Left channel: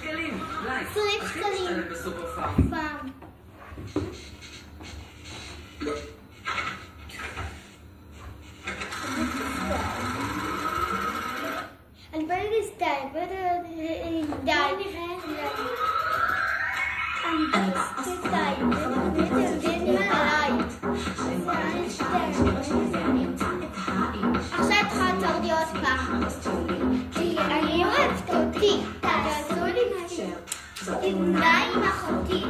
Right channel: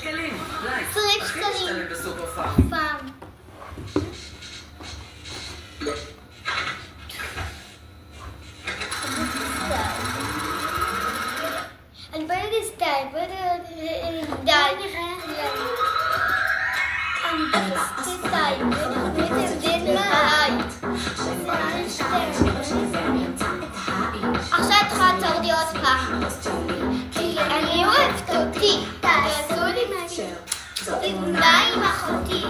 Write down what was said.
שקלים. 20 שקלים. בסופר פארם. פעם. אני באה לסתיים, בואי נראה. אני בסתיים, עכשיו צריכה לעצור לי עוד פעם. אני אוהבת אותי, תעשו לי משהו. עם אחותי.